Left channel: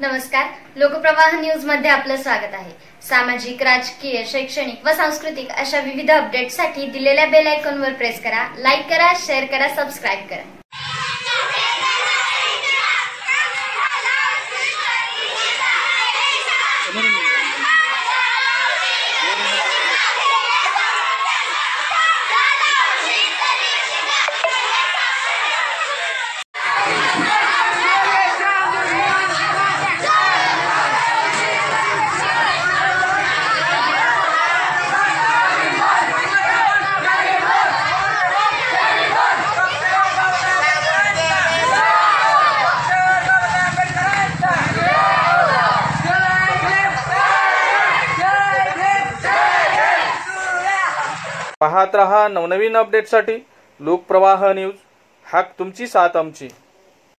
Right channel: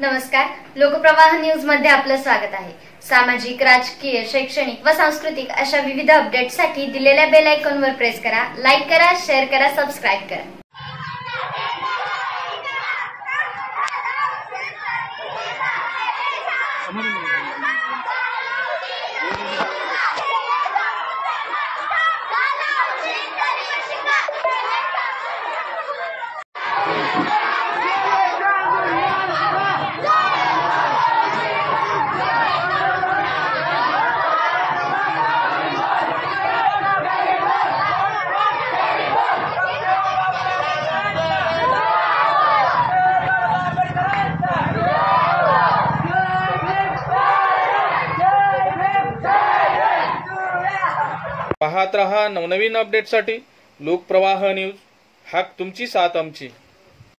नमस्कार, लोकप्रवाह न्यूज मध्ये आपलं स्वागत आहे। सामाजिक, राजकीय, शैक्षणिक व सांस्कृतिक अशा विविध अपडेट्ससाठी दिलेल्या बेल आयकॉनवर प्रेस करा, लाईक करा, शेअर करा, सबस्क्राइब करा। पाहत रहा नवनवीन अपडेटसाठी लोकप्रवाह न्यूज। हाक तुमची साथ आमची।